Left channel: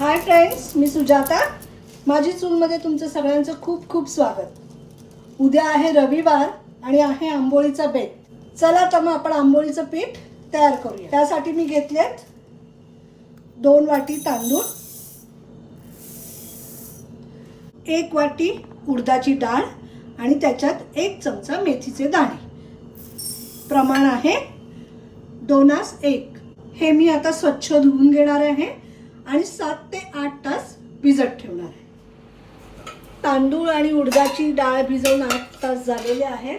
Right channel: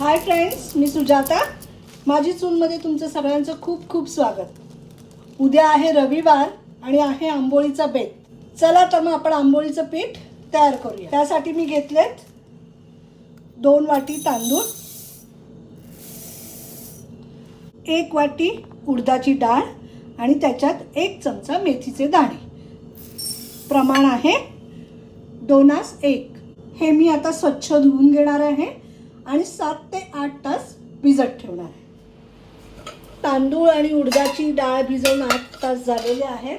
Hi friends मी सुजाता. माझी चूनमध्ये तुमचं सगळ्यांचं खूप खूप स्वागत. उद्या आहे रविवार आणि आहे आंबोळीचा बेत. चला तर मग आपण आंबोळीचं पीठ तयार करूया. त्यासाठी मी घेतलेत दोन वाटी तांदूळ एक वाटी उडदाची डाळ आणि त्याच्यात एक चमचा मेथीचे दाणे. प्रमाण आहे दोनास एक. हे मी आता स्वच्छ धुवून घेणार आहे. आणि सात ते आठ तास भिजत ठेवणार आहे. तांदूळ आणि उडदाची डाळ भिजवून आठ तास झालेले आहेत.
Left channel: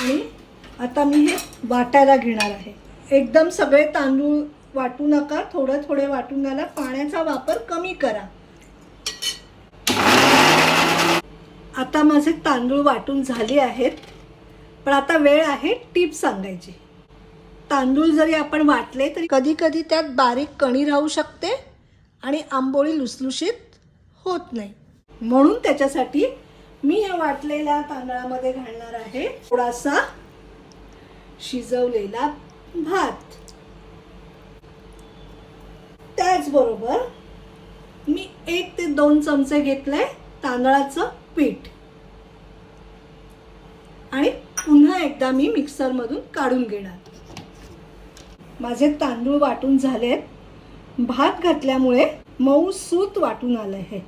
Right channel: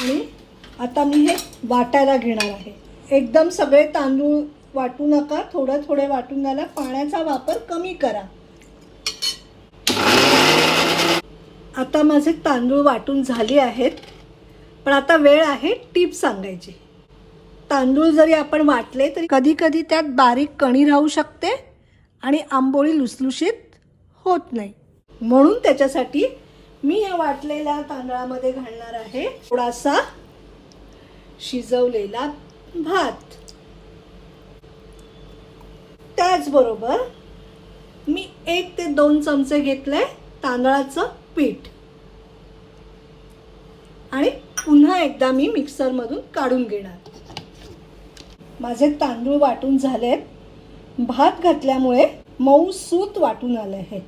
आणि आता मी हे वाटायला घेणार आहे. एकदम सगळे तांदूळ वाटू नका थोडं थोडे वाटून घाला. पाण्याचा वापर कमी करा. आता माझे तांदूळ वाटून झाले आहेत. पण आता वेळ आहे टीप सांगायची. तांदूळ जरी आपण वाटले तरी कधी कधी त्यात बारीक कणी राहू शकते आणि आंबोळी लुसलुशीत होत नाही. म्हणून त्याच्यासाठी मी या वाटलेल्या तांदळामध्ये घालणार आहे थोडासा शिजवलेला भात. त्याचबरोबर मी एक ते दोन चमचे घेतले तांदळाचं पीठ. आणि पुन्हा एकदा मी मिक्सरमधून काढून घेणार. माझे तांदूळ वाटून झालेत. भात घातल्यामुळे मऊ सूत वाटून आलं आहे.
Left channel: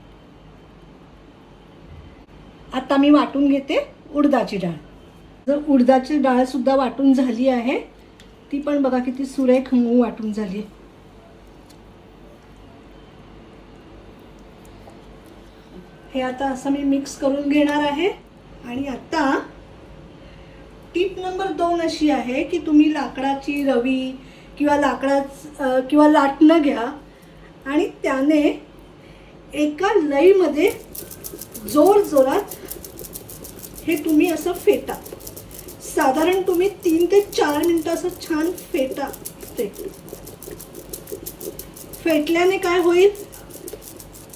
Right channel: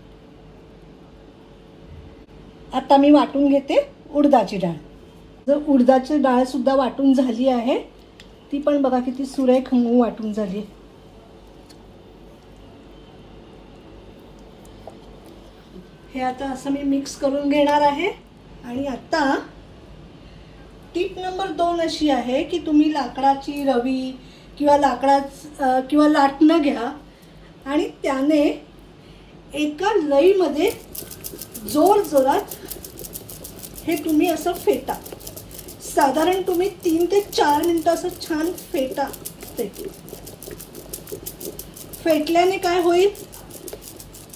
आता मी वाटून घेते उडदाची डाळ. जर उडदाची डाळ सुद्धा वाटून झाली आहे ती पण बघा किती सुरेख मऊ वाटून झाली आहे. हे आता असं मी मिक्स करून घेणार आहे. आणि आता टीप नंबर दोन अशी आहे की तुम्ही लाकडाची रवी किंवा लाकडाच किंवा लाटणं घ्या. आणि त्याने एका लईमध्ये जोर जोरात हे तुम्ही असं फेटा. साधारण तुम्ही तीन ते चार मिनटं असं छान फेटा ते. फेटल्याने काय होईल?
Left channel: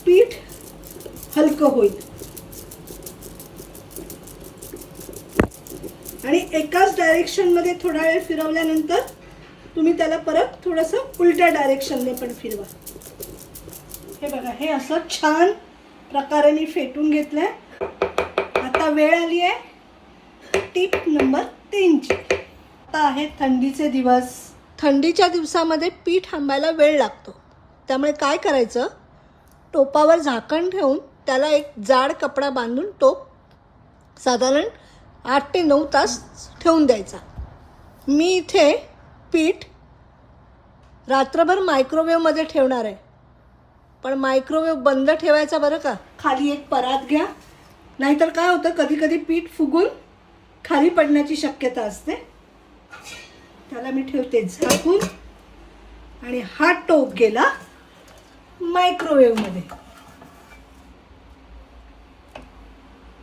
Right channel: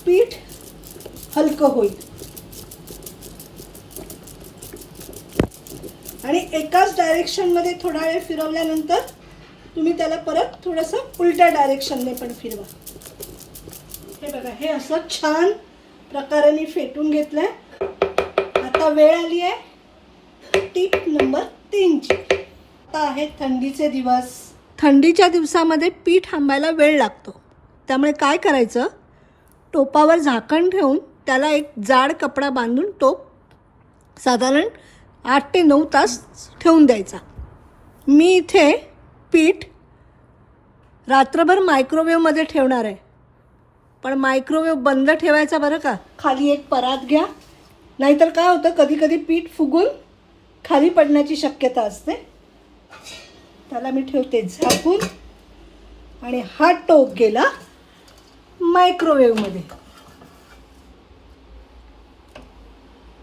पीठ हलकं होईल. आणि एकाच डायरेक्शनमध्ये थोडा वेळ फिरवल्यानंतर तुम्ही त्याला परत थोडंसं उलट्या डायरेक्शनने पण फिरवा. हे बघा हे असं छान प्रकारे मी फेटून घेतलंय. आता वेळ आली आहे टीप नंबर तीनची. आता आहे थंडीचे दिवस. थंडीच्या दिवसामध्ये पीठ आंबायला वेळ लागतो. त्यामुळे काय करायचं? टोपावर झाकण ठेवून त्याला एक जाड कपडा बांधून टोप साधारण आठ ते नऊ तास ठेवून द्यायचा. मी इथे पीठ रात्रभर मायक्रोवेव्हमध्ये ठेवणार आहे. पण मायक्रोवेव्ह बंद ठेवायचा बरं का? खाली एक परात घ्या. नाहीतर काय होतं कधी कधी पीठ फुगून खाली पडण्याची शक्यता असते. त्याला मी ठेवते झाकून. आणि हा टोप गेला मायक्रोवेव्हमध्ये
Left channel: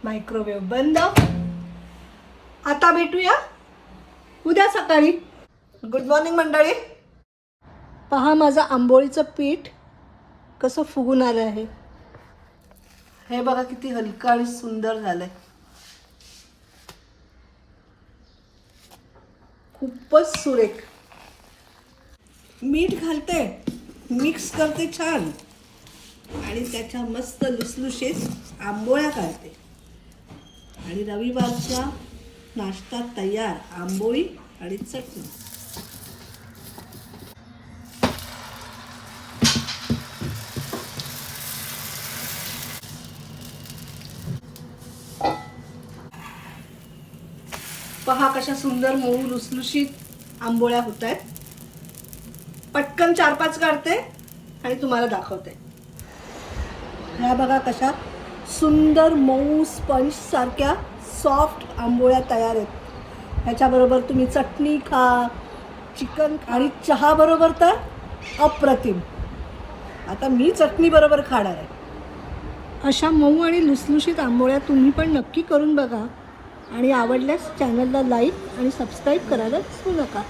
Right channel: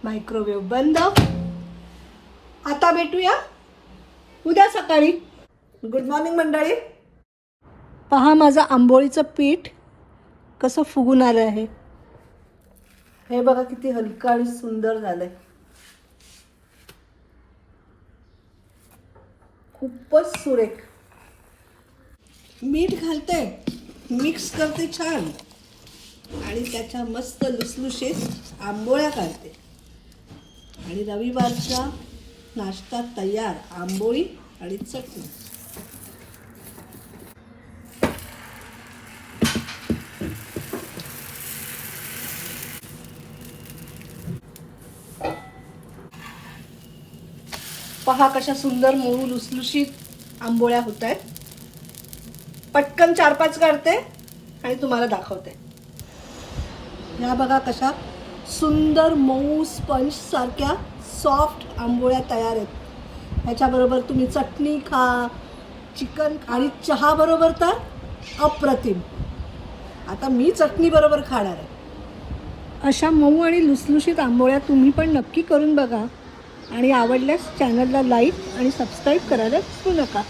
मायक्रोवेव्ह बंद. आता भेटूया उद्या सकाळी. गुड मॉर्निंग मंडळी. पहा माझं आंबोळीचं पीठ कसं फुगून आलं आहे. हे बघा किती हलकं आणि सुंदर झालंय. खूपच सुरेख. मीठ घालते मिक्स करते छान. आणि त्याच्या मस्त लुसलुशीत आंबोळ्या काढते. आणि रविवारच्या नाश्ता तयार आंबोळी आणि चटणी. पहा कशा सुंदर मऊ लुसलुशीत आंबोळ्या होत आहेत पटकन चार पाच काढते आणि तुम्हाला दाखवते. ह्या बघा कशा सुंदर मऊ स्पंज सारख्या सॉफ्ट आंबोळ्या तयार आहेत. ह्याच्याबरोबर तुम्ही चटणी खा चिकन आणि चहा बरोबर तर अप्रतिम. आता मी चटणी बरोबर खाणार आहे. अशा मऊ आणि लुसलुशीत आंबोळ्या तुम्ही पण नक्की करून बघा. आणि आवडल्यास चॅनलला लाईक आणि सबस्क्राईब करायला विसरू नका.